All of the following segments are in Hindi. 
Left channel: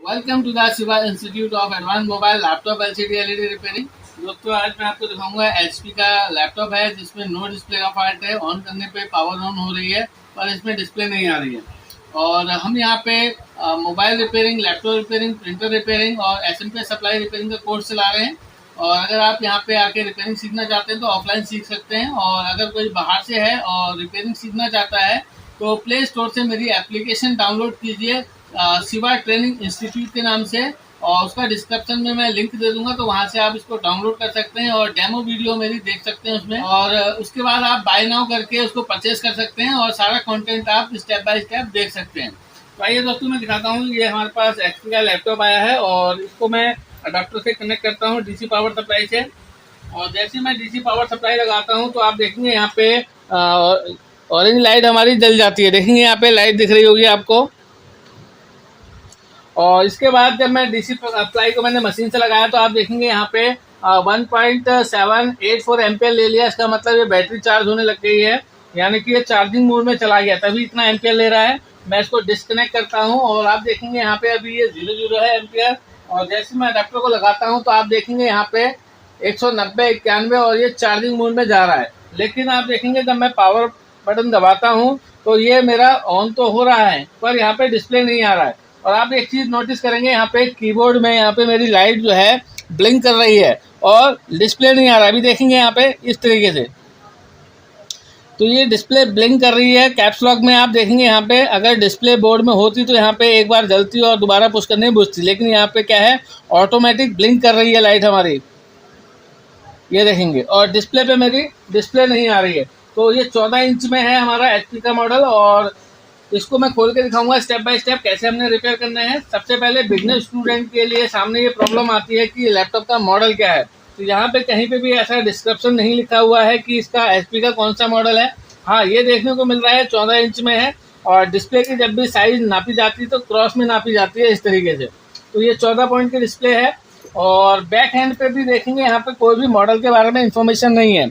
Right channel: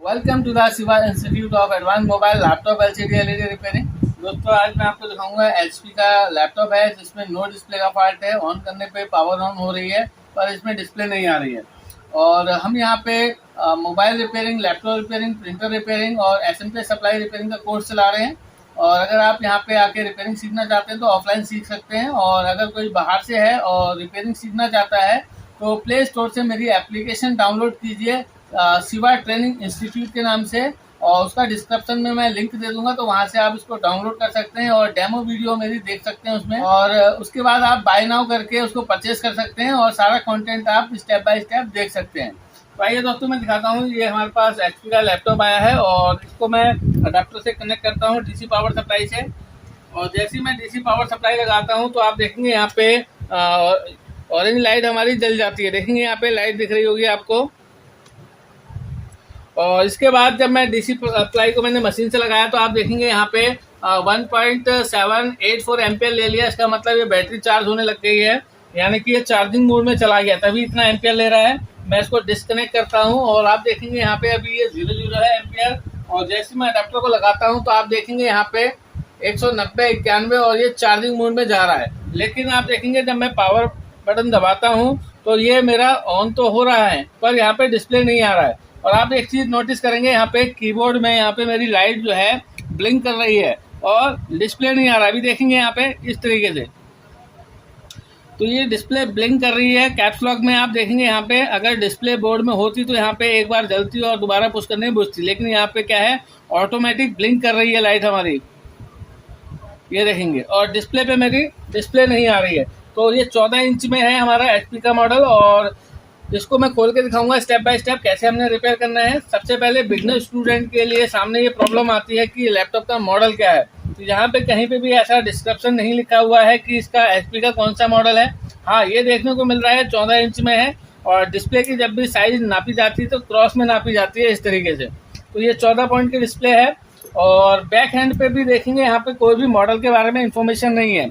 Welcome to the Shiva institute of advance mobile laptop LCD LED repairing. दोस्तों आज मैं आपको दिखाऊंगा एचपी का लैपटॉप है जिसमें नो डिस्प्ले का फॉल्ट है। ऑन करने पे पावर ऑन हो रही है पर इसमें डिस्प्ले नहीं आ रही है। और हम यहाँ पे mobile repairing, laptop repairing, printer repairing और एसएमपी सप्लाई रिपेयरिंग का कोर्स चला रहे हैं। और अगर आप यहाँ पे आके रिपेयरिंग सीखना चाहते हैं तो ऑफलाइन सीख सकते हैं, और अगर कोई बाहर से है और रिपेयरिंग सीखना चाहता है तो प्ले स्टोर से मेरी एप्लीकेशन डाउनलोड कीजिए शिवा ट्रेनिंग इंस्टीट्यूट के नाम से, और उसका डिस्क्रिप्शन में मैं लिंक दे दूंगा, तो वहां से आप इसको डाउनलोड कर सकते हैं और डेमो वीडियो मेरी देख सकते हैं उसमें। और उसके बाद आप बाय नाउ करके उसको परचेज कर सकते हैं और सारा कंटेंट आप स्टेप बाय स्टेप देख सकते हैं। तो आइए दोस्तों मैं दिखाता हूँ। ये हमारे पास एचपी का लैपटॉप आया है और इसको मैं अडाप्टर से कनेक्ट करता हूँ डीसी पावर सप्लाई से। और जैसे ही मैं डीसी पावर सप्लाई लगाता हूँ तो आप देखेंगे यहाँ पे ऑरेंज लाइट हमारी जल जाती है। देखेंगे यहाँ पे लाइट दिख रही होगी आपको। और इसके बाद जब मैं डीसी अप्लाई को मैंने मशीन से लगाया तो आप देखेंगे यहाँ पे 1.784 एम्पियर ले लिया। इसका मतलब ये बैटरी चार्ज होने लग गई है, यानी कि ये चार्जिंग मोड में चला गया, तभी इतना एम्पियर ले रहा है। मैं इसको डिस्कनेक्ट करता हूँ और आप देखेंगे यहाँ पे अभी ये 00 है एम्पियर। और जैसे मैं अडेप्टर को लगाता हूँ तो आप देखेंगे यहाँ पे 190, 91 और ये चार्जिंग मोड में जा रहा है। लेकिन आप देखेंगे जब मैं पावर बटन दबाता हूँ तो ये मेरा ऑन तो हो रहा है पर यहाँ पे डिस्प्ले नहीं आ रहा है। और आप एक चीज नोटिस करेंगे यहाँ पे कीबोर्ड में यहाँ पे मेरी लाइट जो है ब्लिंक कर रही है और डिस्प्ले नहीं आ रहा है। अभी देखेंगे यहाँ पे इस तरीके से, तो ये डिस्प्ले ब्लिंक कर रही है। कैप्स लॉक में आप देखेंगे यहाँ पे अगर डिस्प्ले बोर्ड में होती तो यहाँ पे एक बार जलती और दोबारा पुश करने में बुझती, लेकिन यहाँ पे क्या है, ऑटोमेटिक ब्लिंक कर रही है लाइट हमारी, ये देखेंगे। और डिस्प्ले पे मेरी डिस्प्ले नहीं आ रही है। तो ये 14 इंच में है हमारा एचपी का मॉडल, और इसको मैं खोल के दिखाऊंगा स्टेप बाय स्टेप कैसे हमने रिपेयर करना है। सबसे पहले बिगनर स्टूडेंट के लिए सामने ये प्रॉब्लम आती है कि लैपटॉप का मॉडल क्या है। तो यहाँ पे कहीं पे भी ऐसा डिस्क्रिप्शन नहीं लिखा हुआ है कि इसका एचपी का कौन सा मॉडल है। हाँ, ये देखने को मिल रहा है 14 इंच में है, और डिस्प्ले की जब भी साइज नापी जाती है तो क्रॉस में नापी जाती है इस तरीके से। तो ये 14 पॉइंट की डिस्प्ले है। और बैक हैंड पे भी देखेंगे यहाँ पे कोई भी मॉडल के बारे में इंफॉर्मेशन नहीं है।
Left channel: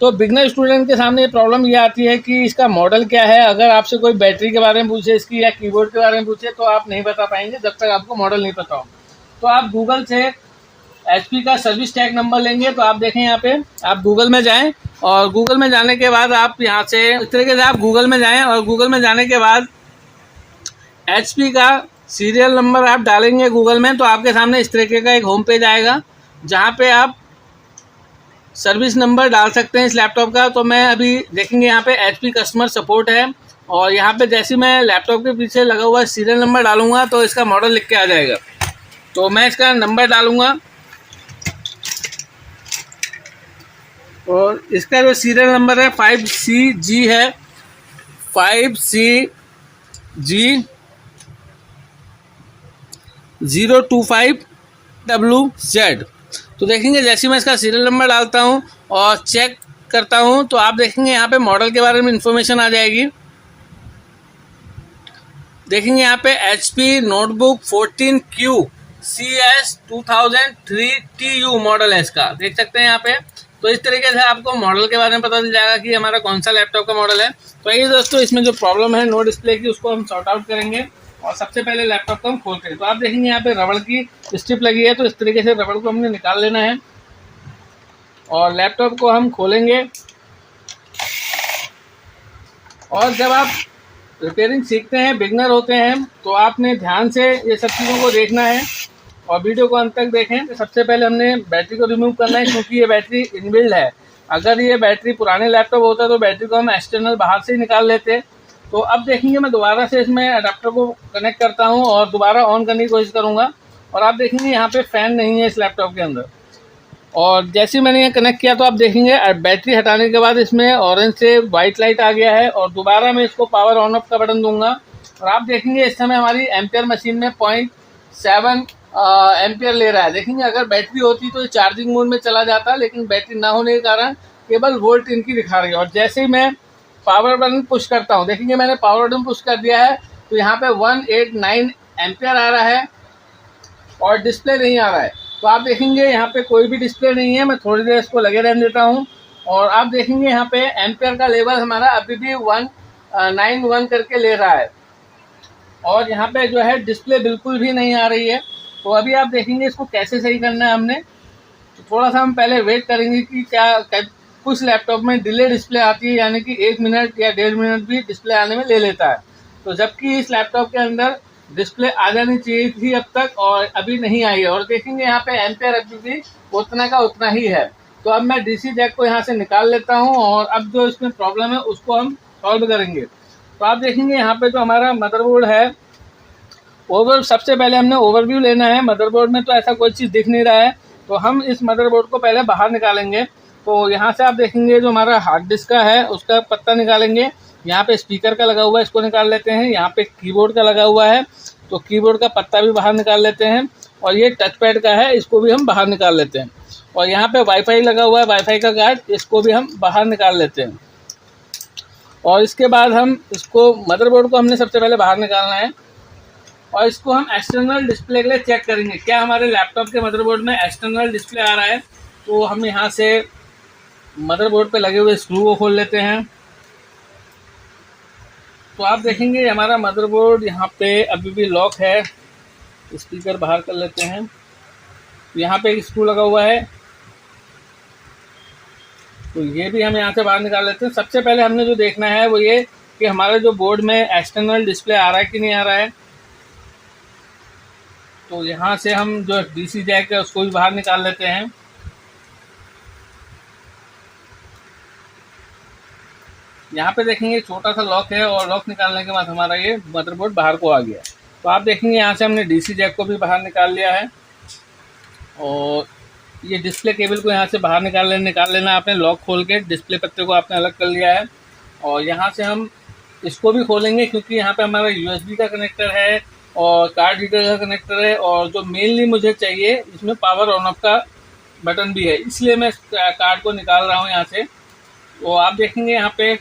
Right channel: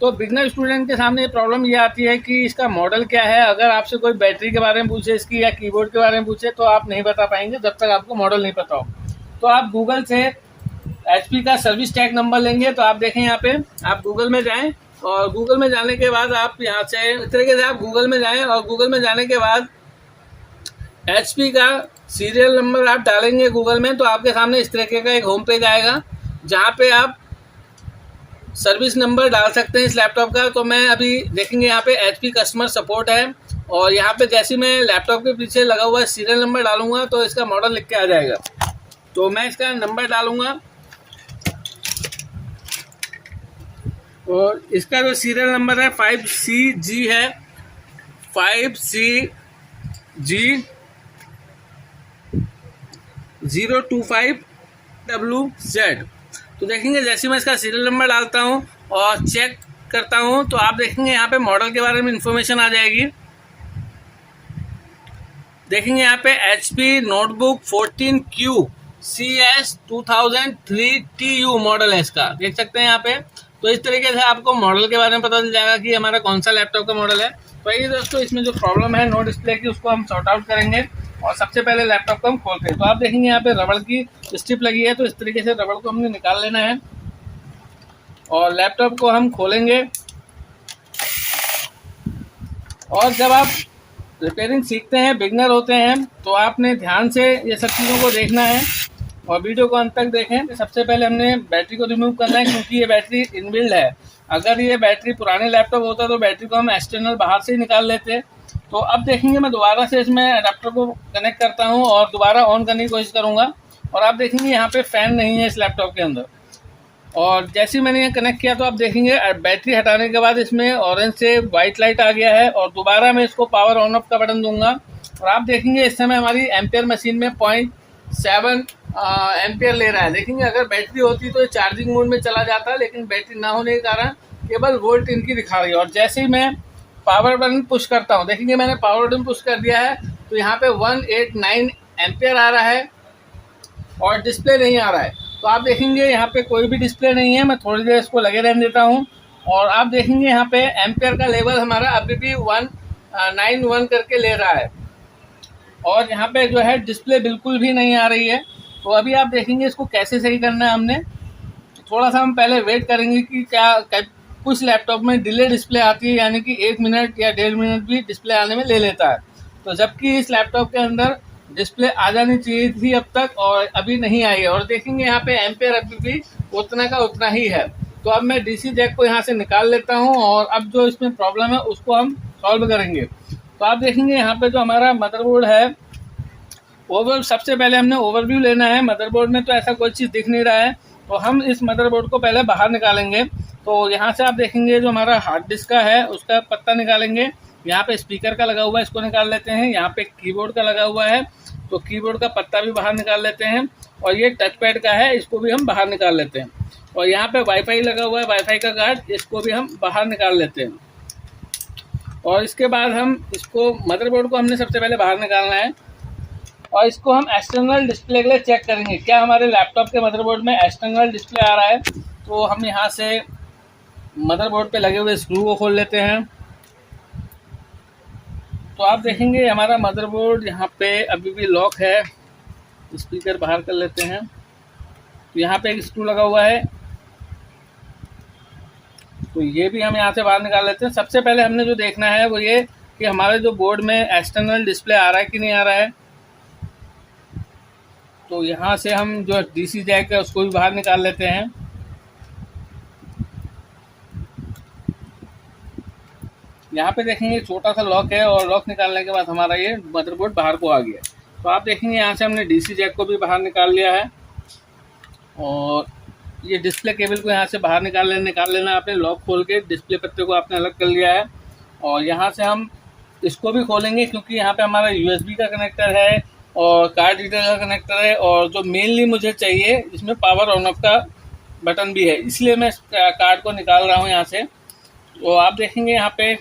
तो बिगनर स्टूडेंट के सामने ये प्रॉब्लम ये आती है कि इसका मॉडल क्या है। अगर आपसे कोई बैटरी के बारे में पूछे इसकी या कीबोर्ड के बारे में पूछे तो आप नहीं बता पाएंगे जब तक आपको मॉडल नहीं पता हो। तो आप गूगल से एचपी का सर्विस टैग नंबर लेंगे। तो आप देखें यहाँ पे आप गूगल में जाएं, और गूगल में जाने के बाद आप यहाँ से इस तरीके से आप गूगल में जाएं, और गूगल में जाने के बाद एचपी का सीरियल नंबर आप डालेंगे गूगल में, तो आपके सामने इस तरीके का एक होम पेज आएगा जहाँ पे आप सर्विस नंबर डाल सकते हैं इस लैपटॉप का। तो मैं अभी देखेंगे यहाँ पे एचपी कस्टमर सपोर्ट है, और यहाँ पे जैसे मैं लैपटॉप के पीछे लगा हुआ सीरियल नंबर डालूंगा तो इसका मॉडल लिख के आ जाएगा। तो मैं इसका नंबर डालूंगा, और इसका जो सीरियल नंबर है 5CG है, 5CG025WZ। तो देखेंगे जैसे मैं इसका सीरियल नंबर डालता हूं और चेक करता हूं तो आप देखेंगे यहाँ पे मॉडल के बारे में इंफॉर्मेशन आ जाएगी। देखेंगे यहाँ पे HP notebook 14Q CS 2003TU model है इसका, देख सकते हैं यहाँ पे। तो इस तरीके से आपको मॉडल के बारे में पता चल जाएगा कि हमारा कौन सा लैपटॉप का मॉडल है। तो ये दोस्तों इसमें जो प्रॉब्लम है नो डिस्प्ले की, उसको हम सॉर्ट आउट करेंगे। और सबसे पहले लैपटॉप को हम खोलते हैं। तो आप देखेंगे यहाँ पे रबड़ की स्ट्रिप लगी है, तो इस तरीके से रबड़ को हमने निकाल लेना है और लैपटॉप को हम खोलेंगे। और जब आप रिपेयरिंग सीखते हैं, बिगनर होते हैं, तो आपने ध्यान से ये सब चीज़ों को देखना है और वीडियो को अंत तक देखें। तो सबसे पहले हमने बैटरी को रिमूव करना है, क्योंकि ये बैटरी इनबिल्ड है। अगर ये बैटरी पुराने लैपटॉप होता तो बैटरी को हम एक्सटर्नल बाहर से ही निकाल लेते। तो अब देखेंगे मैं दोबारा से इसमें अडाप्टर को कनेक्ट करता हूँ और दोबारा ऑन करने की कोशिश करूँगा। और आप देखेंगे यहाँ पे फ़ैन नहीं है इस लैपटॉप के अंदर। और जैसे ही मैंने ये कनेक्ट किया तो आप देखेंगे बैटरी हटाने के बाद इसमें ऑरेंज से वाइट लाइट आ गया है। और दोबारा मैं इसको पावर ऑन ऑफ का बटन दूंगा और आप देखेंगे इस समय हमारी एम्पियर मशीन में 0.7 एम्पियर ले रहा है। देखेंगे अगर बैटरी होती तो ये चार्जिंग मोड में चला जाता, लेकिन बैटरी ना होने के कारण केवल वोल्ट इनकी दिखा रही है। और जैसे ही मैं पावर बटन पुश करता हूँ, देखेंगे मैंने पावर बटन पुश कर दिया है, तो यहाँ पे 189 एम्पियर आ रहा है और डिस्प्ले नहीं आ रहा है। तो आप देखेंगे यहाँ पे कोई भी डिस्प्ले नहीं है। मैं थोड़ी देर इसको लगे रहने देता हूँ और आप देखेंगे यहाँ पे एम्पियर का लेवल हमारा अभी भी 191 करके ले रहा है। और यहाँ पे जो है डिस्प्ले बिल्कुल भी नहीं आ रही है। तो अभी आप देखेंगे इसको कैसे सही करना है हमने। तो थोड़ा सा हम पहले वेट करेंगे कि कुछ लैपटॉप में डिले डिस्प्ले आती है, यानी कि 1 मिनट या 1.5 मिनट भी डिस्प्ले आने में ले लेता है। तो जबकि इस लैपटॉप के अंदर डिस्प्ले आ जानी चाहिए थी अब तक, और अभी नहीं आई है। और देखेंगे यहाँ पे एम्पेयर अभी भी उतना का उतना ही है। तो अब मैं डीसी जैक को यहाँ से निकाल लेता हूँ और अब जो इसमें प्रॉब्लम है उसको हम सॉल्व करेंगे। तो आप देखेंगे यहाँ पे जो हमारा मदरबोर्ड है, सबसे पहले हमने ओवरव्यू लेना है। मदरबोर्ड में तो ऐसा कोई चीज़ दिख नहीं रहा है, तो हम इस मदरबोर्ड को पहले बाहर निकालेंगे। तो यहाँ से आप देखेंगे जो हमारा हार्ड डिस्क का है उसका पत्ता निकालेंगे। यहाँ पे स्पीकर का लगा हुआ है, इसको निकाल लेते हैं। यहाँ पे कीबोर्ड का लगा हुआ है, तो कीबोर्ड का पत्ता भी बाहर निकाल लेते हैं। और ये टच पैड का है, इसको भी हम बाहर निकाल लेते हैं। और यहाँ पे वाईफाई लगा हुआ है, वाईफाई का कार्ड, इसको भी हम बाहर निकाल लेते हैं। और इसके बाद हम इसको मदरबोर्ड को हमने सबसे पहले बाहर निकालना है और इसको हम एक्सटर्नल डिस्प्ले के लिए चेक करेंगे क्या हमारे लैपटॉप के मदरबोर्ड में एक्सटर्नल डिस्प्ले आ रहा है। तो हम यहाँ से मदरबोर्ड पे लगे हुए स्क्रू को खोल लेते हैं। तो आप देखेंगे हमारा मदरबोर्ड यहाँ पे अभी भी लॉक है। स्पीकर बाहर कर लेते हैं। यहाँ पे एक स्क्रू लगा हुआ है, तो ये भी हम यहाँ से बाहर निकाल लेते हैं। सबसे पहले हमने जो देखना है वो ये कि हमारे जो बोर्ड में एक्सटर्नल डिस्प्ले आ रहा है कि नहीं आ रहा है। तो यहाँ से हम जो डीसी जैक है उसको भी बाहर निकाल लेते हैं। यहाँ पे देखेंगे छोटा सा लॉक है और लॉक निकालने के बाद हमारा ये मदरबोर्ड बाहर को आ गया। तो आप देखेंगे यहाँ से हमने डीसी जैक को भी बाहर निकाल लिया है और ये डिस्प्ले केबल को यहाँ से बाहर निकाल लेना आपने। लॉक खोल के डिस्प्ले पत्ते को आपने अलग कर लिया है और यहाँ से हम इसको भी खोलेंगे क्योंकि यहाँ पे हमारा यूएसबी का कनेक्टर है और कार्ड रीडर का कनेक्टर है और जो मेनली मुझे चाहिए इसमें पावर ऑन ऑफ का बटन भी है, इसलिए मैं इस कार्ड को निकाल रहा हूँ यहाँ से। तो आप देखेंगे यहाँ पे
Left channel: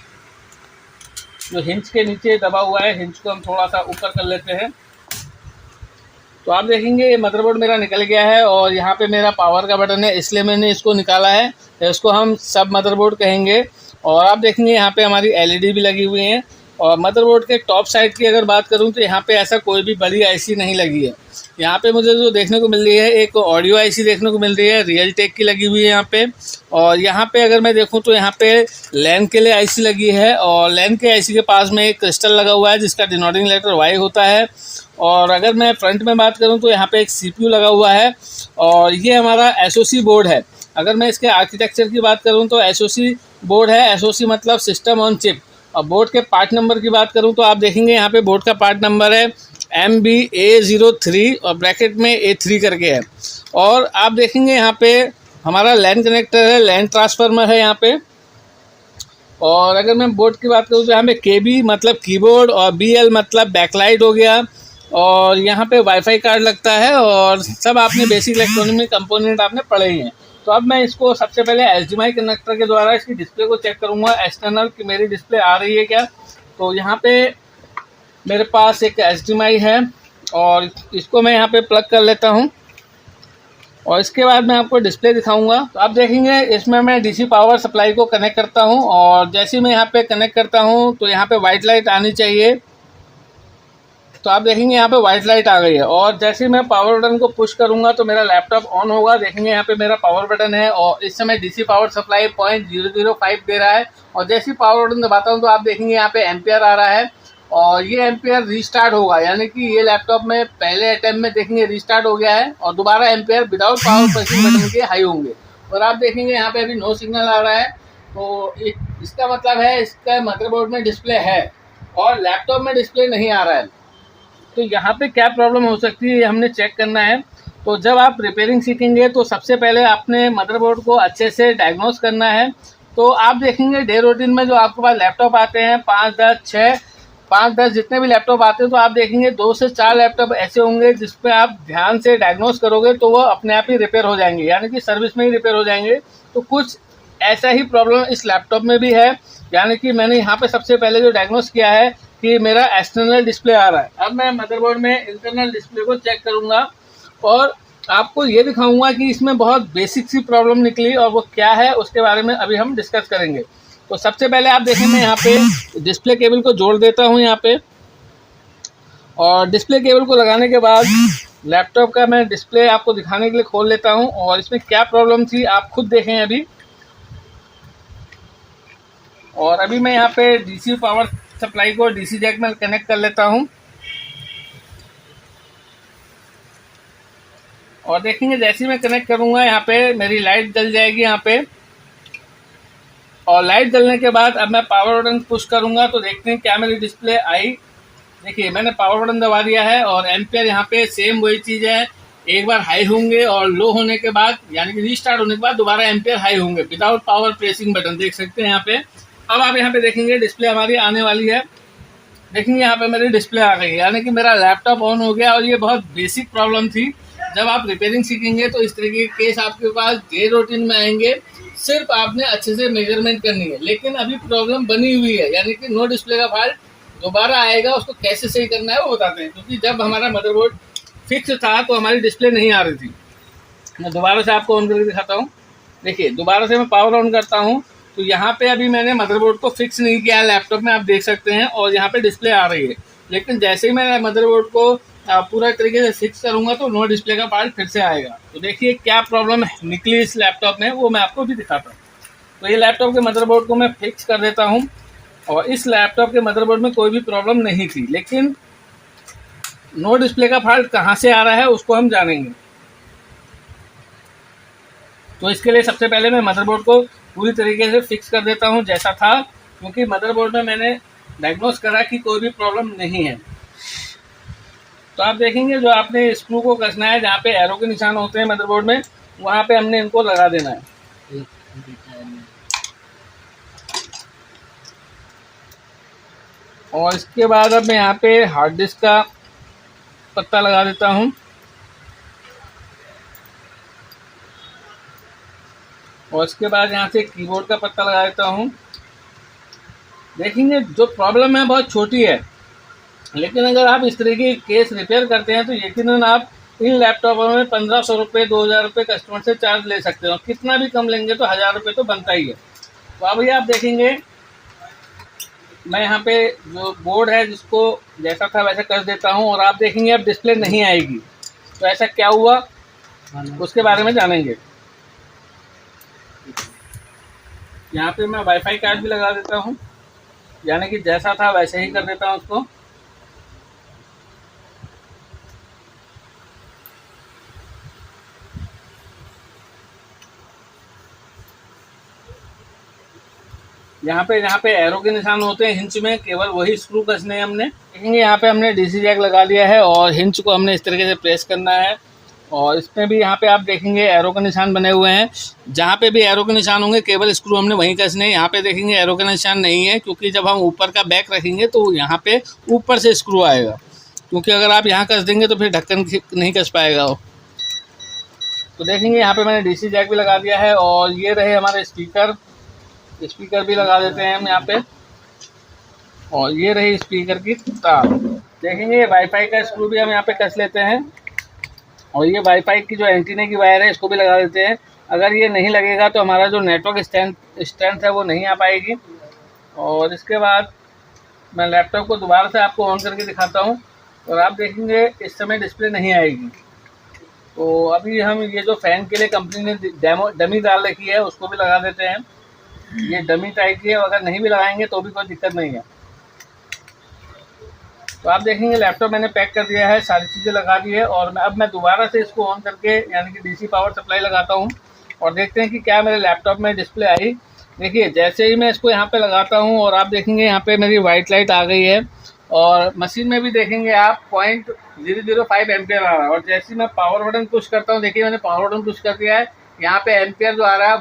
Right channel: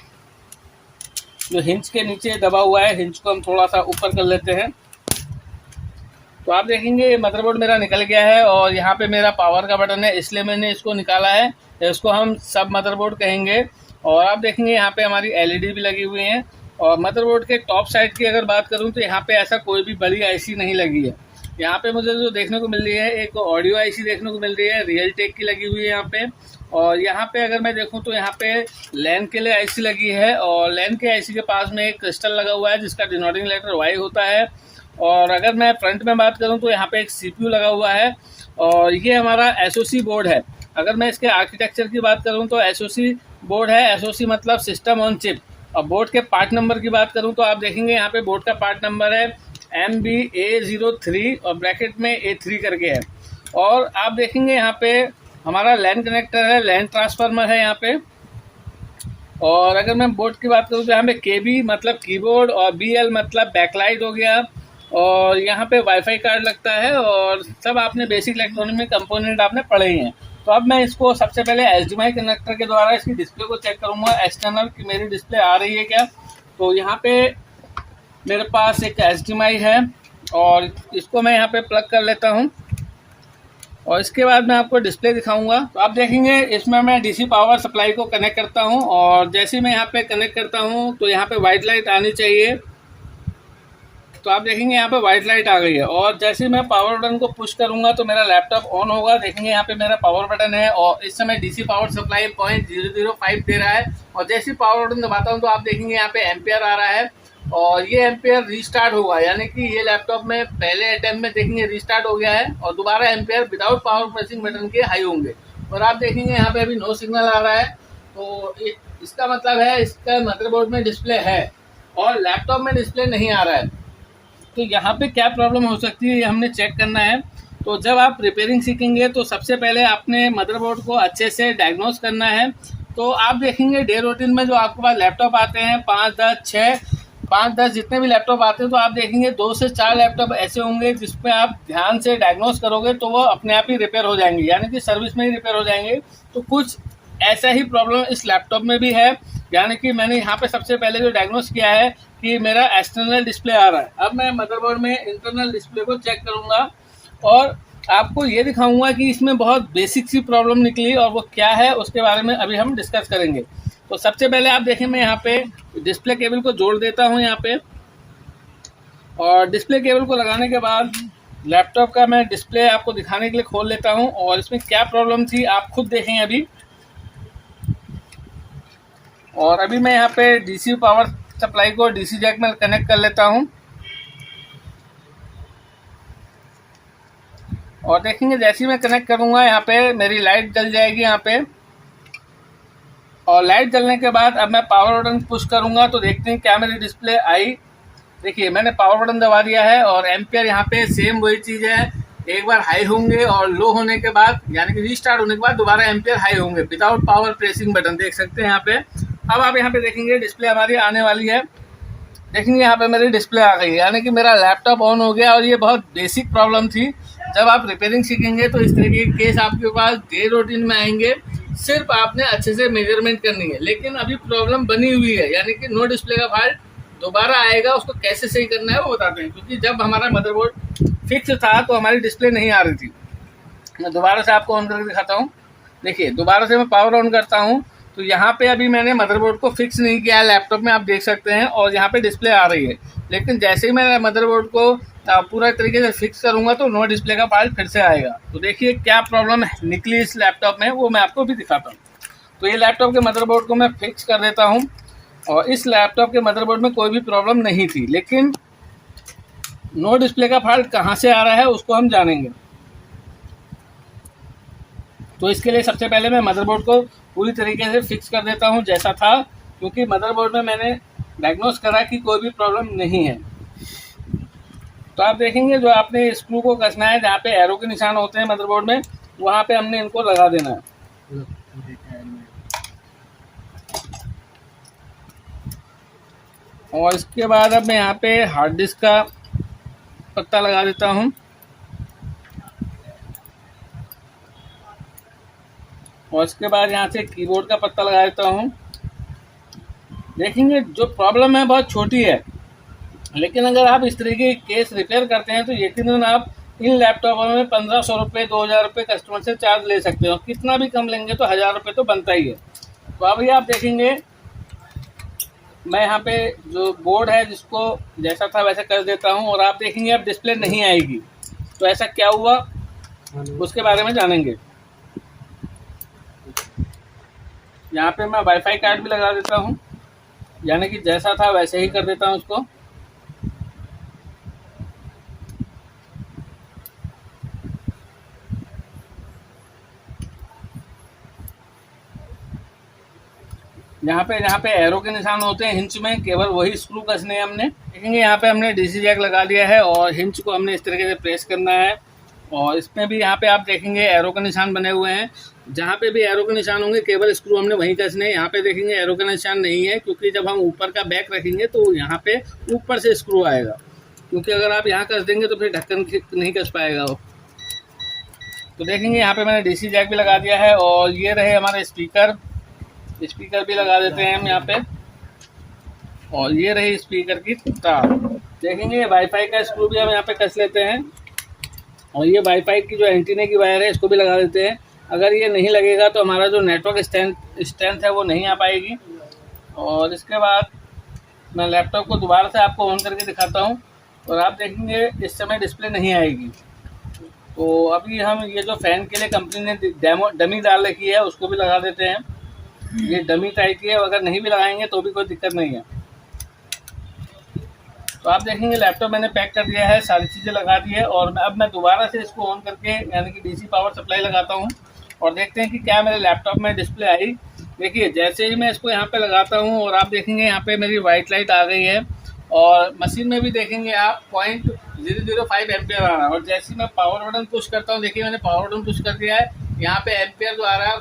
जो हिंज के नीचे दबा हुआ है, हिंज को हम थोड़ा सा ऊपर कर लेते हैं। तो आप देखेंगे मदरबोर्ड मेरा निकल गया है और यहाँ पे मेरा पावर का बटन है, इसलिए मैंने इसको निकाला है। तो इसको हम सब मदरबोर्ड कहेंगे। और आप देखेंगे यहाँ पे हमारी एलईडी भी लगी हुई है। और मदरबोर्ड के टॉप साइड की अगर बात करूँ तो यहाँ पे ऐसा कोई भी बड़ी आईसी नहीं लगी है। यहाँ पे मुझे जो देखने को मिल रही है एक ऑडियो आईसी देखने को मिल रही है, रियल टेक की लगी हुई है यहाँ पे। और यहाँ पे अगर मैं देखूँ तो यहाँ पे लैन के लिए आईसी लगी है और लैन के आईसी के पास में एक क्रिस्टल लगा हुआ है जिसका डिनोटिंग लेटर वाई होता है। और अगर मैं फ्रंट में बात करूं तो यहाँ पे एक सीपीयू लगा हुआ है और ये हमारा एसओसी बोर्ड है। अगर मैं इसके आर्किटेक्चर की बात करूं तो एसओसी बोर्ड है, एसओसी मतलब सिस्टम ऑन चिप। और बोर्ड के पार्ट नंबर की बात करूं तो आप देखेंगे यहाँ पे बोर्ड का पार्ट नंबर है MBA03 और ब्रैकेट में A3 करके है। और आप देखेंगे यहाँ पे हमारा लैन कनेक्टर है, लैन ट्रांसफार्मर है यहाँ पे। और अगर मैं बोर्ड की बात करूँ तो यहाँ पे KB मतलब कीबोर्ड और BL मतलब बैकलाइट हो गया। और यहाँ पे वाईफाई कार्ड लगता है और सब आपने बेसिक इलेक्ट्रॉनिक में कंपोनेंट आपने पढ़े ही हैं। तो अब मैं इसको सबसे पहले HDMI कनेक्टर के द्वारा इसकी डिस्प्ले को चेक करूँगा एक्सटर्नल कि मेरी डिस्प्ले आ रही है क्या। तो यहाँ पे मेरे पास एक HDMI है और इसको मैं यहाँ पे प्लग कर लेता हूँ और इसके बाद मैं आपको डिस्प्ले दिखाऊंगा। तो आप देखेंगे इसमें मैं डीसी पावर सप्लाई को कनेक्ट करता हूँ और जैसे मैं यहाँ पे कनेक्ट करता हूँ तो यहाँ पे वाइट लाइट आनी चाहिए। तो आप देखेंगे यहाँ पे वाइट लाइट आ गई है और जैसे मैं पावर बटन को पुश करूंगा तो मेरा लैपटॉप ऑन होगा। देखेंगे यहाँ पे मेरा पावर बटन है और इस समय डीसी पावर सप्लाई 0.005 दे रहा है। और जैसे ही पावर बटन दबाता हूँ तो आप देखेंगे यहाँ पे एम्पियर आ रहा है और ये एम्पियर रीस्टार्ट होगा, यानी कि ये लैपटॉप में पहले अटेम्प्ट में देखेंगे रीस्टार्ट हो गया है और दोबारा ampere without power pressing button के हाई होंगे। और आप देखेंगे यहाँ पे अभी नो सिग्नल आ रहा है। तो इसका मतलब है इसका मदरबोर्ड में डिस्प्ले है और लैपटॉप में डिस्प्ले नहीं आ रहा है। तो यहाँ पे क्या प्रॉब्लम हो सकती है ये हमने चेक करना है। तो जब आप रिपेयरिंग सीखेंगे तो सबसे पहले आपने मदरबोर्ड को अच्छे से डायग्नोस करना है। तो आप देखेंगे डे रूटीन में जो आपके पास लैपटॉप आते हैं 5-10 जितने भी लैपटॉप आते हैं तो आप देखेंगे 2 से 4 लैपटॉप ऐसे होंगे जिस पे आप ध्यान से डायग्नोस करोगे तो वो अपने आप ही रिपेयर हो जाएंगे, यानी कि सर्विस में ही रिपेयर हो जाएंगे। तो कुछ ऐसा ही प्रॉब्लम इस लैपटॉप में भी है, यानी कि मैंने यहाँ पे सबसे पहले जो डायग्नोस किया है कि मेरा एक्सटर्नल डिस्प्ले आ रहा है। अब मैं मदरबोर्ड में इंटरनल डिस्प्ले को चेक करूँगा और आपको ये दिखाऊंगा कि इसमें बहुत बेसिक सी प्रॉब्लम निकली और वो क्या है उसके बारे में अभी हम डिस्कस करेंगे। तो सबसे पहले आप देखें मैं यहाँ पे डिस्प्ले केबल को जोड़ देता हूँ यहाँ पे। और डिस्प्ले केबल को लगाने के बाद लैपटॉप का मैं डिस्प्ले आपको दिखाने के लिए खोल लेता हूं और इसमें क्या प्रॉब्लम थी आप खुद देखें अभी। और अभी मैं यहाँ पे डीसी पावर सप्लाई को डीसी जैक में कनेक्ट कर लेता हूँ और देखेंगे जैसे ही मैं कनेक्ट करूँगा यहाँ पे मेरी लाइट जल जाएगी यहाँ पे। और लाइट जलने के बाद अब मैं पावर बटन पुश करूँगा तो देखते हैं क्या मेरी डिस्प्ले आई। देखिए मैंने पावर बटन दबा दिया है और एम्पियर यहाँ पे सेम वही चीज़ है, एक बार हाई होंगे और लो होने के बाद यानी कि रीस्टार्ट होने के बाद दोबारा एम्पियर हाई होंगे विदाउट पावर प्रेसिंग बटन, देख सकते हैं यहाँ पे। अब आप यहाँ पे देखेंगे डिस्प्ले हमारी आने वाली है। देखेंगे यहाँ पे मेरी डिस्प्ले आ गई यानी कि मेरा लैपटॉप ऑन हो गया। और ये बहुत बेसिक प्रॉब्लम थी, जब आप रिपेयरिंग सीखेंगे तो इस तरीके के केस आपके पास डे रूटीन में आएंगे, सिर्फ आपने अच्छे से मेजरमेंट करनी है। लेकिन अभी प्रॉब्लम बनी हुई है यानी कि नो डिस्प्ले का फॉल्ट दोबारा आएगा, उसको कैसे सही करना है वो बताते हैं। क्योंकि जब हमारा मदरबोर्ड फिक्स था तो हमारी डिस्प्ले नहीं आ रही थी। मैं दोबारा से आपको ऑन करके दिखाता हूँ। देखिए दोबारा से मैं पावर ऑन करता हूँ तो यहाँ पे अभी मैंने मदरबोर्ड को फिक्स नहीं किया है लैपटॉप में, आप देख सकते हैं, और यहाँ पे डिस्प्ले आ रही है। लेकिन जैसे ही मैं मदरबोर्ड को पूरा तरीके से फिक्स करूँगा तो नो डिस्प्ले का फॉल्ट फिर से आएगा। तो देखिए क्या प्रॉब्लम निकली इस लैपटॉप में वो मैं आपको भी दिखाता हूँ। तो ये लैपटॉप के मदरबोर्ड को मैं फिक्स कर देता हूँ और इस लैपटॉप के मदरबोर्ड में कोई भी प्रॉब्लम नहीं थी, लेकिन नो डिस्प्ले का फॉल्ट कहाँ से आ रहा है उसको हम जानेंगे। तो इसके लिए सबसे पहले मैं मदरबोर्ड को पूरी तरीके से फिक्स कर देता हूं जैसा था, क्योंकि मदरबोर्ड में मैंने डायग्नोस करा कि कोई भी प्रॉब्लम नहीं है। तो आप देखेंगे जो आपने स्क्रू को कसना है, जहाँ पे एरो के निशान होते हैं मदरबोर्ड में, वहाँ पे हमने इनको लगा देना है। और इसके बाद अब मैं यहाँ पे हार्ड डिस्क का पत्ता लगा देता हूँ। और इसके बाद यहाँ से कीबोर्ड का पत्ता लगा देता हूँ। देखेंगे जो प्रॉब्लम है बहुत छोटी है, लेकिन अगर आप इस तरीके के केस रिपेयर करते हैं तो यकीनन आप इन लैपटॉपों में 1500 रुपये 2000 रुपये कस्टमर से चार्ज ले सकते हो। कितना भी कम लेंगे तो 1000 रुपये तो बनता ही है। तो अभी आप देखेंगे मैं यहाँ पे जो बोर्ड है जिसको जैसा था वैसा कर देता हूँ और आप देखेंगे अब डिस्प्ले नहीं आएगी। तो ऐसा क्या हुआ उसके बारे में जानेंगे। यहाँ पे मैं वाईफाई कार्ड भी लगा देता हूँ, यानी कि जैसा था वैसे ही कर देता हूँ उसको। यहाँ पे एरो के निशान होते हैं हिंच में, केवल वही स्क्रू कसने हैं हमने। देखेंगे यहाँ पे हमने डीसी जैक लगा दिया है और हिंच को हमने इस तरीके से प्रेस करना है। और इसमें भी यहाँ पे आप देखेंगे एरो के निशान बने हुए हैं। जहाँ पे भी एरो के निशान होंगे केवल स्क्रू हमने वहीं कसने हैं। यहाँ पे देखेंगे एरो के निशान नहीं है, क्योंकि जब हम ऊपर का बैक रखेंगे तो यहाँ पे ऊपर से स्क्रू आएगा, क्योंकि अगर आप यहाँ कस देंगे तो फिर ढक्कन नहीं कस पाएगा वो। तो देखेंगे यहाँ पे मैंने डीसी जैक भी लगा दिया है और ये रहे हमारे स्पीकर भी लगा देते हैं हम यहाँ पे। और ये रही स्पीकर की तार। देखेंगे वाईफाई का स्क्रू भी हम यहाँ पे कस लेते हैं और ये वाईफाई की जो एंटीने की वायर है इसको भी लगा देते हैं। अगर ये नहीं लगेगा तो हमारा जो नेटवर्क स्ट्रेंथ है वो नहीं आ पाएगी। और इसके बाद मैं लैपटॉप को दोबारा से आपको ऑन करके दिखाता हूँ और आप देखेंगे इस समय डिस्प्ले नहीं आएगी। तो अभी हम ये जो फ़ैन के लिए कंपनी ने डमी डाल रखी है उसको भी लगा देते हैं। ये डमी टाइप की है, अगर नहीं भी लगाएंगे तो भी कोई दिक्कत नहीं है। तो आप देखेंगे लैपटॉप मैंने पैक कर दिया है, सारी चीज़ें लगा दी है। और अब मैं दोबारा से इसको ऑन करके यानी कि डीसी पावर सप्लाई लगाता हूँ और देखते हैं कि क्या मेरे लैपटॉप में डिस्प्ले आई। देखिए जैसे ही मैं इसको यहाँ पे लगाता हूँ और आप देखेंगे यहाँ पे मेरी वाइट लाइट आ गई है और मशीन में भी देखेंगे आप 0.005 एम्पियर आ रहा है। और जैसे ही मैं पावर बटन पुश करता हूँ, देखिए मैंने पावर बटन पुश कर दिया है, यहाँ पे एम्पियर जो आ रहा है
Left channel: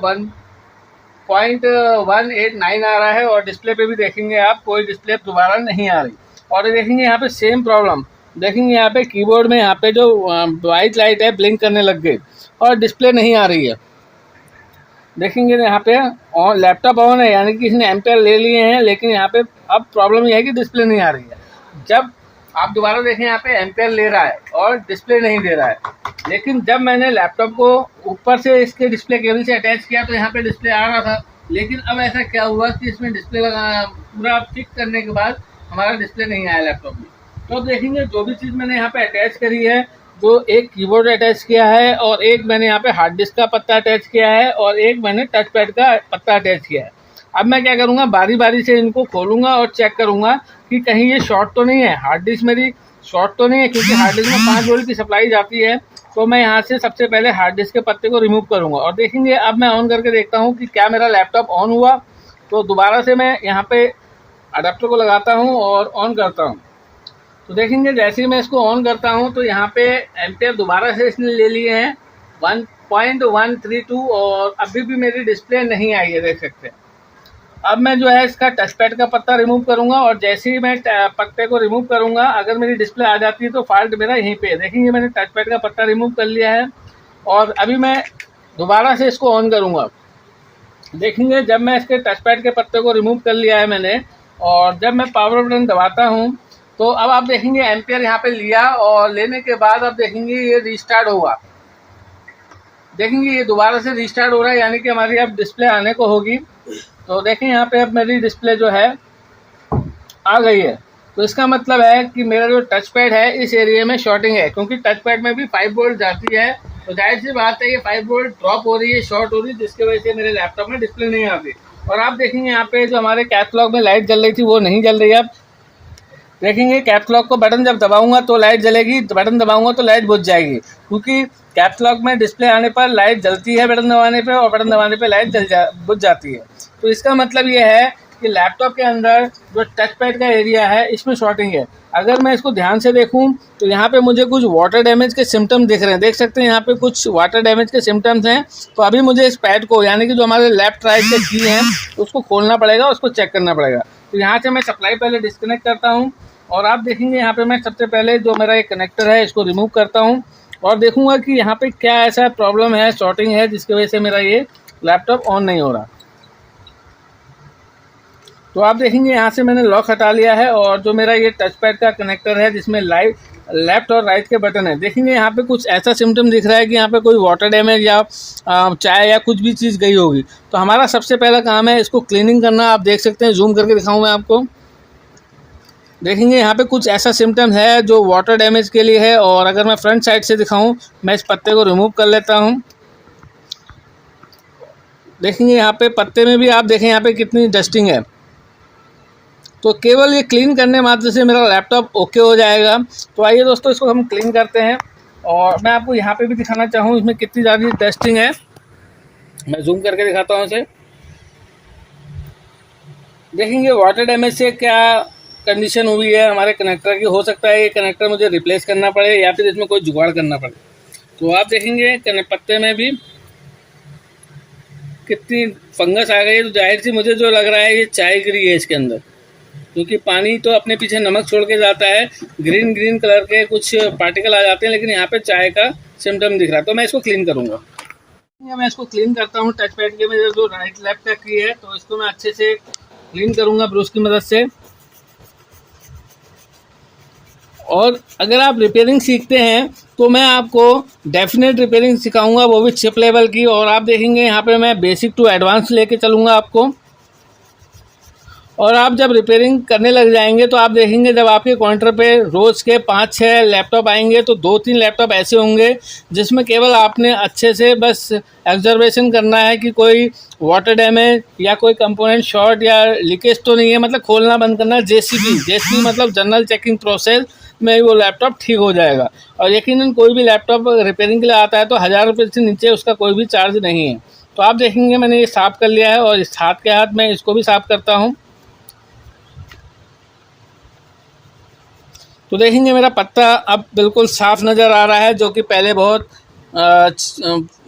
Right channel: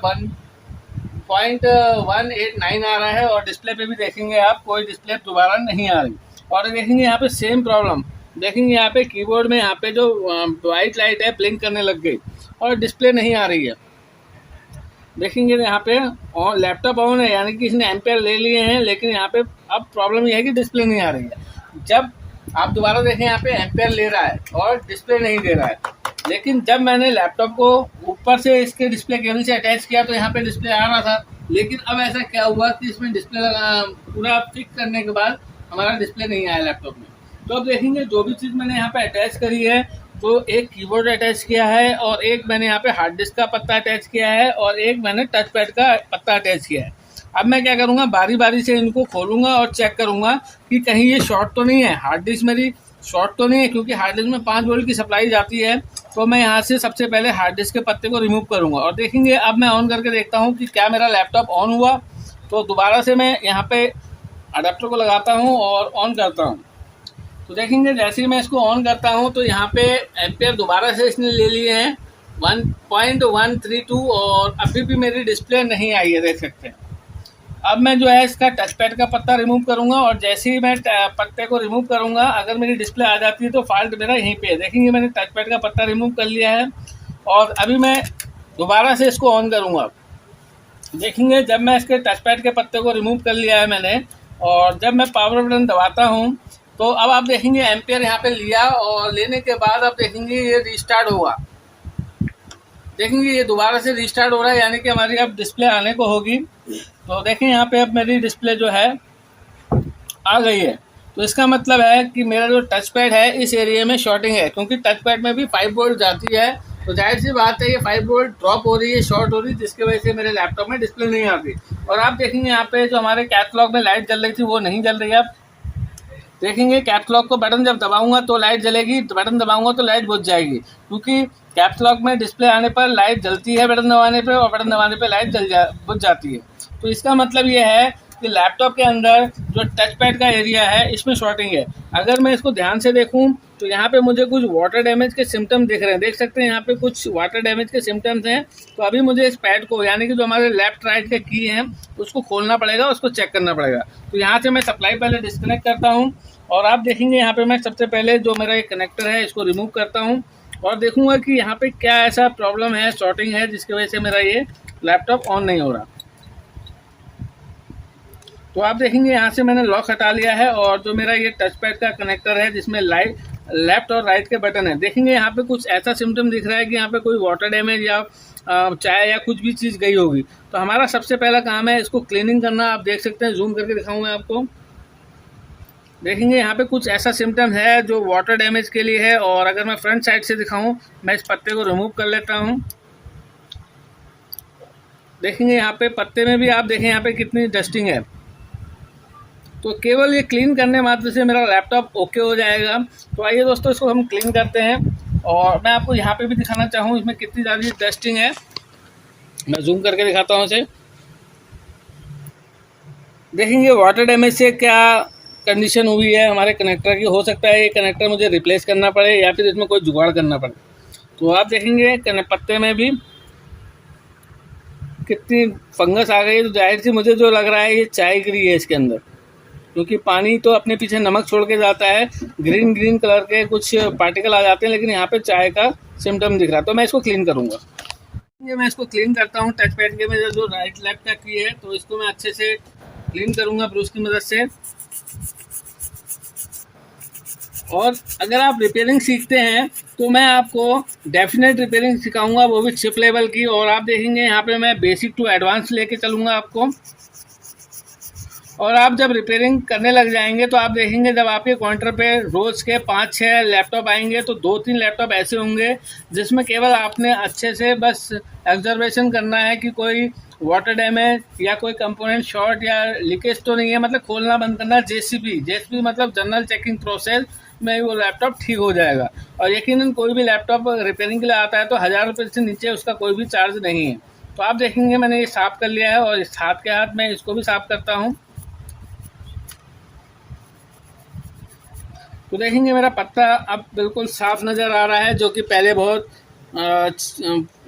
1.189 आ रहा है। और डिस्प्ले पे भी देखेंगे आप कोई डिस्प्ले दोबारा नहीं आ रही। और देखेंगे यहाँ पे सेम प्रॉब्लम, देखेंगे यहाँ पे कीबोर्ड में यहाँ पे जो वाइट लाइट है ब्लिंक करने लग गई और डिस्प्ले नहीं आ रही है। देखेंगे यहाँ पे और लैपटॉप ऑन है यानी कि इसने एम्पियर ले लिए हैं, लेकिन यहाँ पे अब प्रॉब्लम यह है कि डिस्प्ले नहीं आ रही है। जब आप दोबारा देखें यहाँ पे एम्पियर ले रहा है और डिस्प्ले नहीं दे रहा है। लेकिन जब मैंने लैपटॉप को ऊपर से इसके डिस्प्ले केबल से अटैच किया तो यहाँ पे डिस्प्ले आ रहा था। लेकिन अब ऐसा क्या हुआ कि इसमें डिस्प्ले लगा पूरा फिक्स करने के बाद हमारा डिस्प्ले नहीं आया लैपटॉप में। तो अब देखेंगे जो भी चीज़ मैंने यहाँ पे अटैच करी है, तो एक कीबोर्ड अटैच किया है और एक मैंने यहाँ पे हार्ड डिस्क का पत्ता अटैच किया है और एक मैंने टच पैड का पत्ता अटैच किया है। अब मैं क्या करूँगा, बारी बारी से इनको खोलूँगा और चेक करूँगा कि कहीं ये शॉर्ट तो नहीं है, हार्ड डिस्क मेरी शॉर्ट तो नहीं है, क्योंकि हार्ड डिस्क में 5 वोल्ट की सप्लाई जाती है। तो मैं यहाँ से सबसे पहले हार्ड डिस्क के पत्ते को रिमूव करूँगा और देखेंगे अब मैं ऑन करके देखता हूँ कि क्या मेरा लैपटॉप ऑन हुआ। तो दोबारा से मैं यहाँ पे अडेप्टर को लगाता हूँ और ऑन करता हूँ। तो देखेंगे जैसे ही मैं इसको ऑन करता हूँ तो यहाँ पे एम्पेयर दोबारा से इसने ले लिए हैं 1.132 और अभी भी मेरी डिस्प्ले नहीं आई है, देख सकते हैं। अब मैं जो है इसका टच पैड का पत्ता रिमूव करूँगा और जैसे ही मैं पत्ते को रिमूव करूँगा, अगर मेरी डिस्प्ले आ जाती है तो फॉल्ट मेरा यहीं पे है। देखेंगे मैंने टच पैड का पत्ता रिमूव कर लिया है और अभी मैं दोबारा से इसको ऑन करूँगा। देखेंगे जब मैं इसके टच पैड के पत्ते को रिमूव कर लिया है मैंने और जब मैं पावर बटन दबाता हूँ तो अब आप देखेंगे एम्पेयर यहाँ पे लिया और लेने के बाद अब देखेंगे ये रीस्टार्ट होगा। देखेंगे ये दोबारा से रीस्टार्ट हो रहा है, यानी कि हमारी अब डिस्प्ले आने को होगी। तो देखें यहाँ पे अब मेरी डिस्प्ले जो है आ गई है। तो इसका मतलब है कि मेरा जो टच पैड है इस एरिया में शॉर्टिंग है, क्योंकि टच पैड में भी 5 वोल्ट जाती है। तो जाहिर सी बात है ये 5 वोल्ट ड्रॉप हो रही है, शॉर्ट हो रही है, जिसकी वजह से मेरे लैपटॉप में डिस्प्ले नहीं आती। और आप देखेंगे यहाँ पे जो हमारे कैटलॉग में लाइट जल रही थी वो नहीं जल रही है। अब देखेंगे कैटलॉग को बटन जब दबाऊंगा तो लाइट जलेगी, बटन दबाऊंगा तो लाइट बुझ जाएगी, क्योंकि कैटलॉग में डिस्प्ले आने पर लाइट जलती है बटन दबाने पे और बटन दबाने पे लाइट बुझ जाती है। तो इसका मतलब ये है कि लैपटॉप के अंदर जो टच पैड का एरिया है इसमें शॉर्टिंग है। अगर मैं इसको ध्यान से देखूं तो यहाँ पे मुझे कुछ वाटर डैमेज के सिम्टम दिख रहे हैं, देख सकते हैं यहाँ पे कुछ वाटर डैमेज के सिम्टम्स हैं। तो अभी मुझे इस पैड को, यानी कि जो हमारे लेफ्ट राइट के की हैं, उसको खोलना पड़ेगा, उसको चेक करना पड़ेगा। तो यहाँ से मैं सप्लाई पहले डिस्कनेक्ट करता हूँ और आप देखेंगे यहाँ पे मैं सबसे पहले जो मेरा एक कनेक्टर है इसको रिमूव करता हूँ और देखूंगा कि यहाँ पे क्या ऐसा प्रॉब्लम है, शॉर्टिंग है, जिसकी वजह से मेरा ये लैपटॉप ऑन नहीं हो रहा। तो आप देखेंगे यहाँ से मैंने लॉक हटा लिया है और जो मेरा ये टच पैड का कनेक्टर है जिसमें लेफ्ट और राइट के बटन है, देखेंगे यहाँ पे कुछ ऐसा सिम्टम दिख रहा है कि यहाँ पे कोई वाटर डैमेज या चाय या कुछ भी चीज़ गई होगी। तो हमारा सबसे पहला काम है इसको क्लीनिंग करना। आप देख सकते हैं, जूम करके दिखाऊँ मैं आपको। देखेंगे यहाँ पे कुछ ऐसा सिम्टम है जो वाटर डैमेज के लिए है। और अगर मैं फ्रंट साइड से दिखाऊँ, मैं इस पत्ते को रिमूव कर लेता हूँ। देखेंगे यहाँ पे पत्ते में भी आप देखें यहाँ पे कितनी डस्टिंग है। तो केवल ये क्लीन करने मात्र से मेरा लैपटॉप ओके हो जाएगा। तो आइए दोस्तों इसको हम क्लीन करते हैं और मैं आपको यहाँ पे भी दिखाना चाहूँ इसमें कितनी ज़्यादा डस्टिंग है। मैं जूम करके दिखाता हूँ इसे। देखेंगे वाटर डैमेज से क्या कंडीशन हुई है हमारे कनेक्टर की। हो सकता है ये कनेक्टर मुझे रिप्लेस करना पड़े या फिर इसमें कोई जुगाड़ करना पड़े। तो आप देखेंगे पत्ते में भी कितनी फंगस आ गई है। तो जाहिर सी मुझे जो लग रहा है ये चाय गिरी है इसके अंदर, क्योंकि पानी तो अपने पीछे नमक छोड़ के जाता है, ग्रीन कलर के कुछ पार्टिकल आ जाते हैं, लेकिन यहाँ पे चाय का सिम्टम दिख रहा है। तो मैं इसको क्लीन करूँगा। मैं इसको क्लीन करता हूँ। टच पैड के मेरे जो राइट लेफ्ट का की है तो इसको मैं अच्छे से क्लीन करूँगा ब्रश की मदद से। और अगर आप रिपेयरिंग सीखते हैं तो मैं आपको डेफिनेट रिपेयरिंग सिखाऊंगा, वो भी चिप लेवल की। और आप देखेंगे यहाँ पे मैं बेसिक टू एडवांस लेके चलूँगा आपको। और आप जब रिपेयरिंग करने लग जाएंगे तो आप देखेंगे जब आपके काउंटर पे रोज़ के 5-6 लैपटॉप आएंगे तो 2-3 लैपटॉप ऐसे होंगे जिसमें केवल आपने अच्छे से बस ऑब्जर्वेशन करना है कि कोई वाटर डैमेज या कोई कंपोनेंट शॉर्ट या लीकेज तो नहीं है। मतलब खोलना बंद करना, जेसीबी मतलब जनरल चेकिंग प्रोसेस में वो लैपटॉप ठीक हो जाएगा। और यकीनन कोई भी लैपटॉप रिपेयरिंग के लिए आता है तो 1000 रुपये से नीचे उसका कोई भी चार्ज नहीं है। तो आप देखेंगे मैंने ये साफ़ कर लिया है और इस हाथ के हाथ मैं इसको भी साफ़ करता हूँ। तो देखेंगे मेरा पत्ता अब बिल्कुल साफ़ नज़र आ रहा है, जो कि पहले बहुत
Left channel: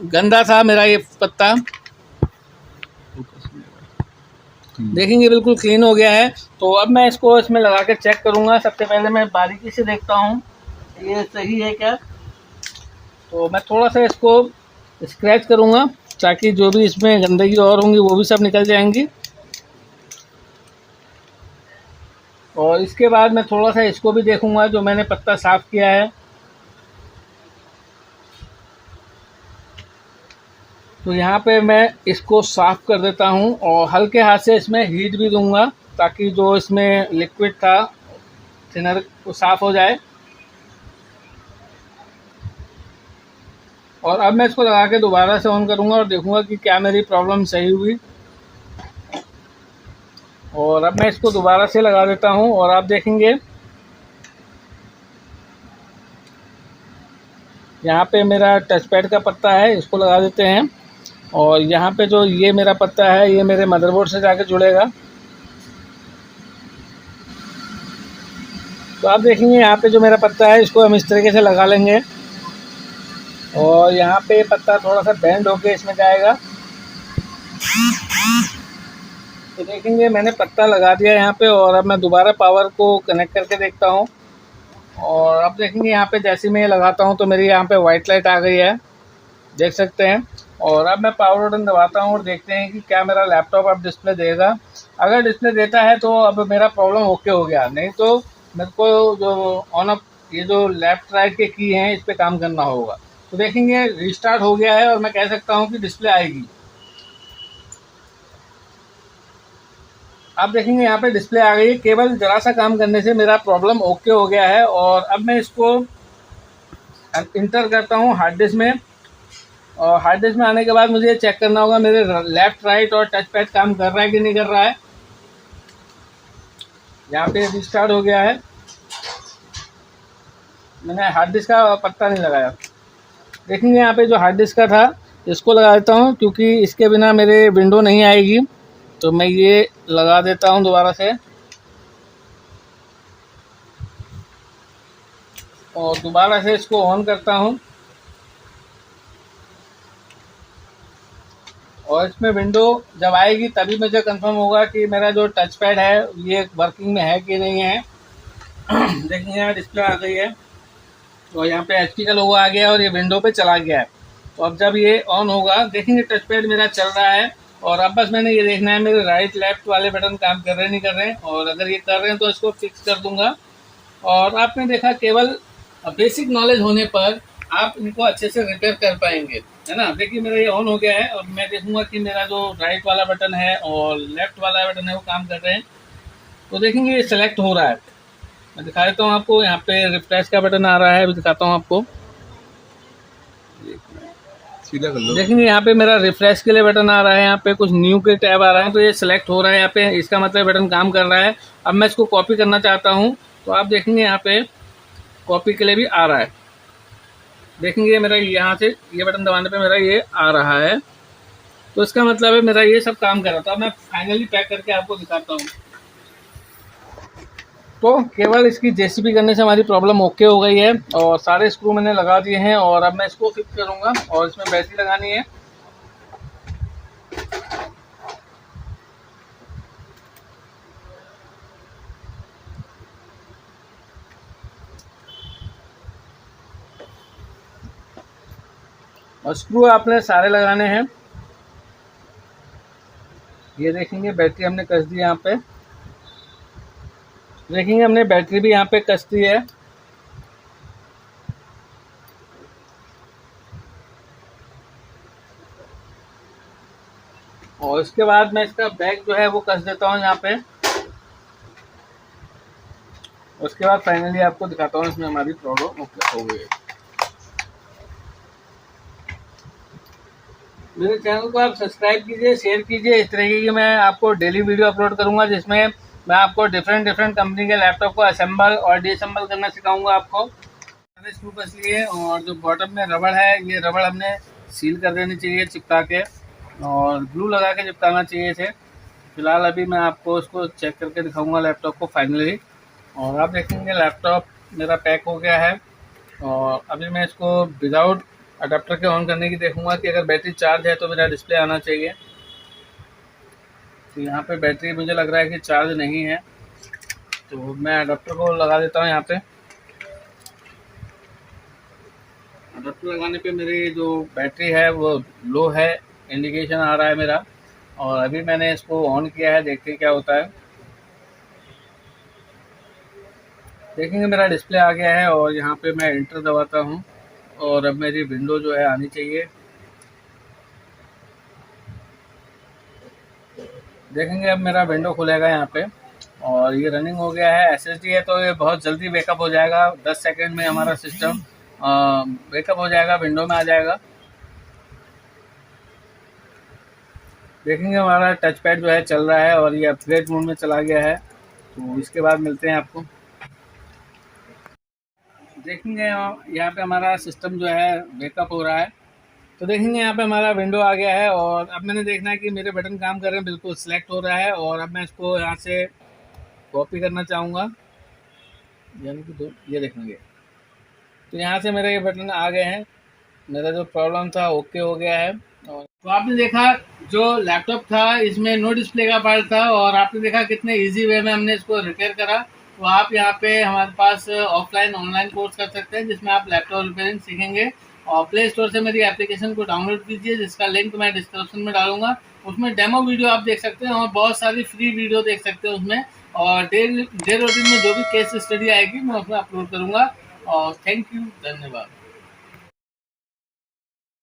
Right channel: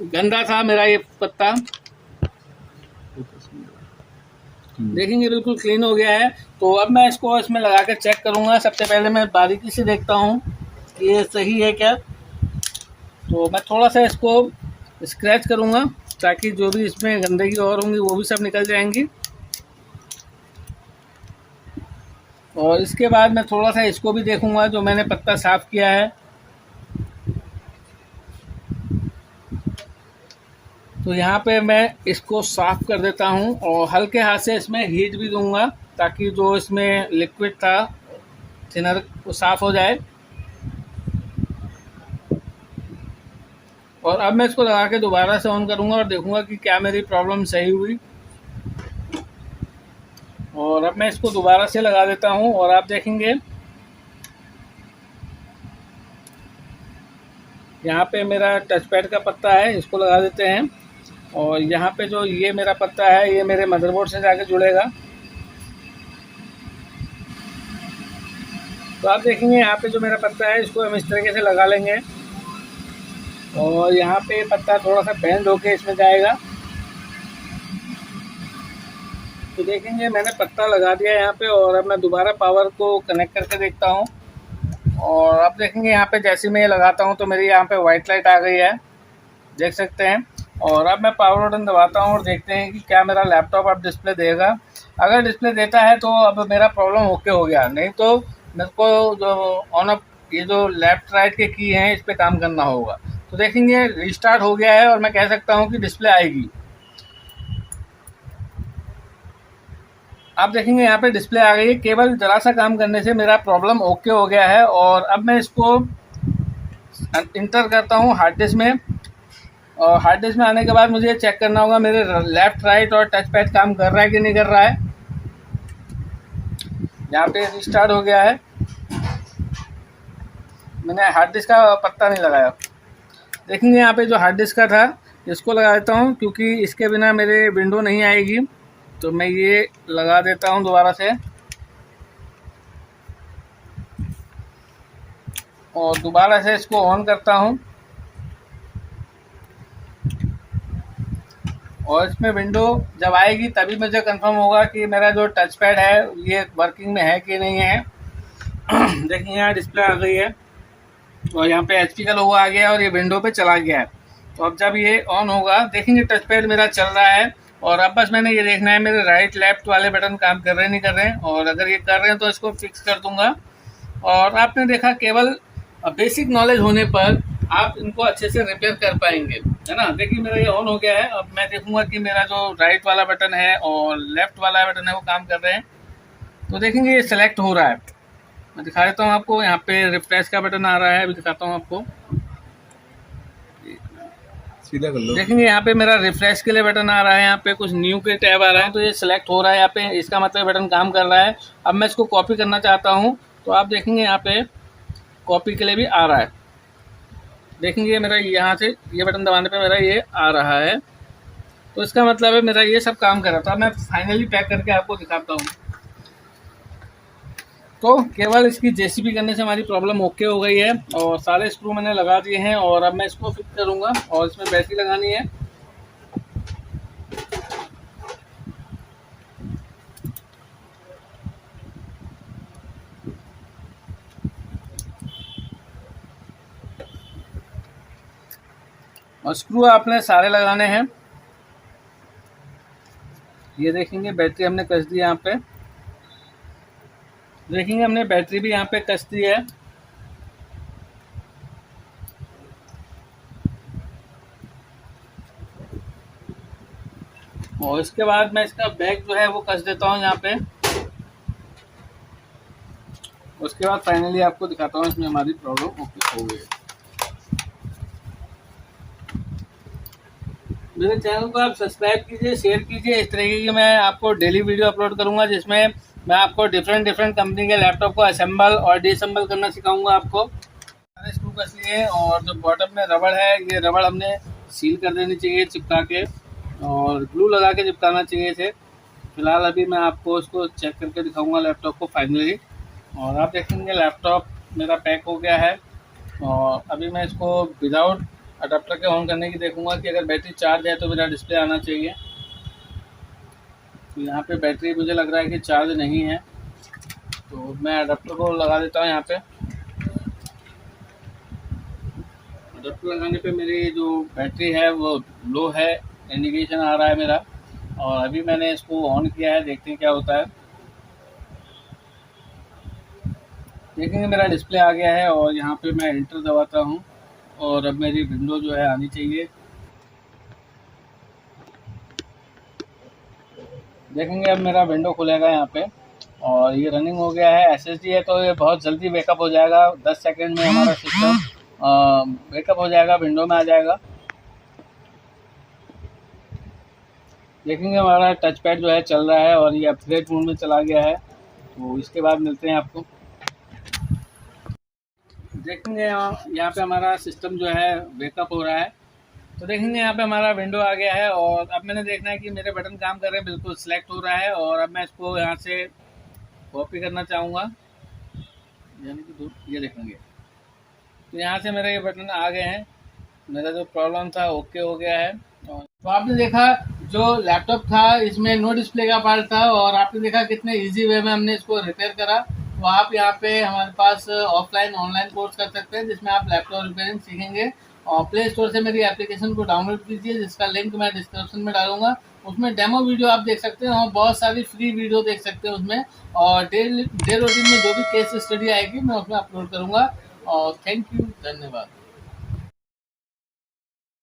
गंदा था मेरा ये पत्ता। देखेंगे बिल्कुल क्लीन हो गया है। तो अब मैं इसको इसमें लगा के चेक करूँगा। सबसे पहले मैं बारीकी से देखता हूँ ये सही है क्या। तो मैं थोड़ा सा इसको स्क्रैच करूँगा ताकि जो भी इसमें गंदगी और होंगी वो भी सब निकल जाएंगी। और इसके बाद मैं थोड़ा सा इसको भी देखूँगा जो मैंने पत्ता साफ़ किया है। तो यहाँ पे मैं इसको साफ़ कर देता हूँ और हल्के हाथ से इसमें हीट भी दूंगा ताकि जो इसमें लिक्विड था थिनर को साफ़ हो जाए। और अब मैं इसको लगा के दोबारा से ऑन करूँगा और देखूँगा कि क्या मेरी प्रॉब्लम सही हुई। और अब मैं इसको दोबारा से लगा देता हूँ और आप देखेंगे यहाँ पे मेरा टच पैड का पत्ता है, इसको लगा देते हैं। और यहाँ पे जो ये मेरा पत्ता है ये मेरे मदरबोर्ड से जाके जुड़ेगा। तो आप देखेंगे यहाँ पे जो मेरा पत्ता है इसको हम इस तरीके से लगा लेंगे और यहाँ पे पत्ता थोड़ा सा बेंड होके इसमें जाएगा। तो देखेंगे मैंने पत्ता लगा दिया यहाँ पे और अब मैं दोबारा पावर को कनेक्ट करके देखता हूँ। और अब देखेंगे यहाँ पे जैसे मैं ये लगाता हूँ तो मेरी यहाँ पे वाइट लाइट आ गई है, देख सकते हैं। और अब मैं पावर बटन दबाता हूँ और देखते हैं कि क्या मेरा लैपटॉप अब डिस्प्ले देगा। अगर डिस्प्ले देता है तो अब मेरा प्रॉब्लम ओके हो गया, नहीं तो मेरे को जो ऑन ऑफ ये जो लेफ्ट राइट के की हैं इस पर काम करना होगा। तो देखेंगे रिस्टार्ट हो गया है और मैं कह सकता हूँ कि डिस्प्ले आएगी। आप देखेंगे यहाँ पे डिस्प्ले आ गई है। केवल ज़रा सा काम करने से मेरा प्रॉब्लम ओके हो गया है। और अब मैं इसको इंटर करता हूँ हार्ड डिस्क में। और हार्ड डिस्क में आने के बाद मुझे चेक करना होगा मेरे लेफ़्ट राइट और टच पैड काम कर रहा है कि नहीं कर रहा है। यहाँ पे रिस्टार्ट हो गया है। मैंने हार्ड डिस्क का पत्ता नहीं लगाया। देखेंगे यहाँ पे जो हार्ड डिस्क का था इसको लगा देता हूँ, क्योंकि इसके बिना मेरे विंडो नहीं आएगी। तो मैं ये लगा देता हूँ दोबारा से और दोबारा से इसको ऑन करता हूँ। और इसमें विंडो जब आएगी तभी मुझे कंफर्म होगा कि मेरा जो टच पैड है ये वर्किंग में है कि नहीं है। देखिए यहाँ डिस्प्ले आ गई है और यहाँ पे HP का लोगो आ गया है और ये विंडो पे चला गया है। तो अब जब ये ऑन होगा देखेंगे टच पैड मेरा चल रहा है। और अब बस मैंने ये देखना है मेरे राइट लेफ्ट वाले बटन काम कर रहे हैं नहीं कर रहे हैं। और अगर ये कर रहे हैं तो इसको फिक्स कर दूंगा। और आपने देखा केवल बेसिक नॉलेज होने पर आप इनको अच्छे से रिपेयर कर पाएंगे, है ना। देखिए मेरा ये ऑन हो गया है। अब मैं देखूंगा कि मेरा जो राइट वाला बटन है और लेफ्ट वाला बटन है वो काम कर रहे हैं। तो देखेंगे ये सिलेक्ट हो रहा है। मैं दिखा देता हूँ आपको, यहाँ पे रिफ्रेश का बटन आ रहा है, अभी दिखाता हूँ आपको। सीधा कर लो। देखेंगे यहाँ पे मेरा रिफ्रेश के लिए बटन आ रहा है, यहाँ पे कुछ न्यू के टैब आ रहा है। तो ये सिलेक्ट हो रहा है यहाँ पे, इसका मतलब बटन काम कर रहा है। अब मैं इसको कॉपी करना चाहता हूँ तो आप देखेंगे यहाँ पे कॉपी के लिए भी आ रहा है। देखेंगे मेरा यहाँ से ये बटन दबाने पे मेरा ये आ रहा है। तो इसका मतलब है मेरा ये सब काम कर रहा था। मैं फाइनली पैक करके आपको दिखाता हूँ। तो केवल इसकी जेसीबी करने से हमारी प्रॉब्लम ओके हो गई है और सारे स्क्रू मैंने लगा दिए हैं। और अब मैं इसको फिक्स करूँगा और इसमें बैटरी लगानी है। और स्क्रू आपने सारे लगाने हैं। ये देखेंगे बैटरी हमने कस दी यहाँ पे। देखेंगे हमने बैटरी भी यहाँ पे कस दी है। और इसके बाद मैं इसका बैक जो है वो कस देता हूँ यहाँ पे। उसके बाद फाइनली आपको दिखाता हूँ इसमें हमारी प्रॉब्लम ओके हो गई है। मेरे चैनल को आप सब्सक्राइब कीजिए, शेयर कीजिए। इस तरीके की मैं आपको डेली वीडियो अपलोड करूंगा जिसमें मैं आपको डिफरेंट कंपनी के लैपटॉप को असेंबल और डिसम्बल करना सिखाऊंगा आपको। सारे स्क्रू कस लिए और जो बॉटम में रबड़ है ये रबड़ हमने सील कर देनी चाहिए चिपका के, और ग्लू लगा के चिपकाना चाहिए थे। फिलहाल अभी मैं आपको इसको चेक करके दिखाऊंगा लैपटॉप को फाइनली। और आप देखेंगे लैपटॉप मेरा पैक हो गया है। और अभी मैं इसको विदाउट अडाप्टर के ऑन करने की देखूंगा कि अगर बैटरी चार्ज है तो मेरा डिस्प्ले आना चाहिए। तो यहाँ पे बैटरी मुझे लग रहा है कि चार्ज नहीं है, तो मैं अडाप्टर को लगा देता हूँ यहाँ पे। अडाप्टर लगाने पे मेरी जो बैटरी है वो लो है, इंडिकेशन आ रहा है मेरा। और अभी मैंने इसको ऑन किया है, देखते हैं क्या होता है। देखेंगे मेरा डिस्प्ले आ गया है और यहाँ पे मैं एंटर दबाता हूँ और अब मेरी विंडो जो है आनी चाहिए। देखेंगे अब मेरा विंडो खुलेगा यहाँ पे और ये रनिंग हो गया है। SSD है तो ये बहुत जल्दी बैकअप हो जाएगा, 10 सेकंड में हमारा सिस्टम बैकअप हो जाएगा, विंडो में आ जाएगा। देखेंगे हमारा टच पैड जो है चल रहा है और ये अपग्रेड मोड में चला गया है। तो इसके बाद मिलते हैं आपको। देखेंगे यहाँ पे हमारा सिस्टम जो है बैकअप हो रहा है। तो देखेंगे यहाँ पे हमारा विंडो आ गया है और अब मैंने देखना है कि मेरे बटन काम कर रहे हैं, बिल्कुल सिलेक्ट हो रहा है। और अब मैं इसको यहाँ से कॉपी करना चाहूँगा, यानी कि ये देखेंगे तो यहाँ से मेरे ये बटन आ गए हैं। मेरा जो प्रॉब्लम था ओके हो गया है। और तो आपने देखा जो लैपटॉप था इसमें नो डिस्प्ले का पार्ट था और आपने देखा कितने इजी वे में हमने इसको रिपेयर करा। तो आप यहाँ पे हमारे पास ऑफलाइन ऑनलाइन कोर्स कर सकते हैं जिसमें आप लैपटॉप रिपेयरिंग सीखेंगे। और प्ले स्टोर से मेरी एप्लीकेशन को डाउनलोड कीजिए जिसका लिंक मैं डिस्क्रिप्शन में डालूंगा। उसमें डेमो वीडियो आप देख सकते हैं और बहुत सारी फ्री वीडियो देख सकते हैं उसमें। और डे रूटीन में जो भी केस स्टडी आएगी मैं उसमें अपलोड करूँगा। और थैंक यू, धन्यवाद।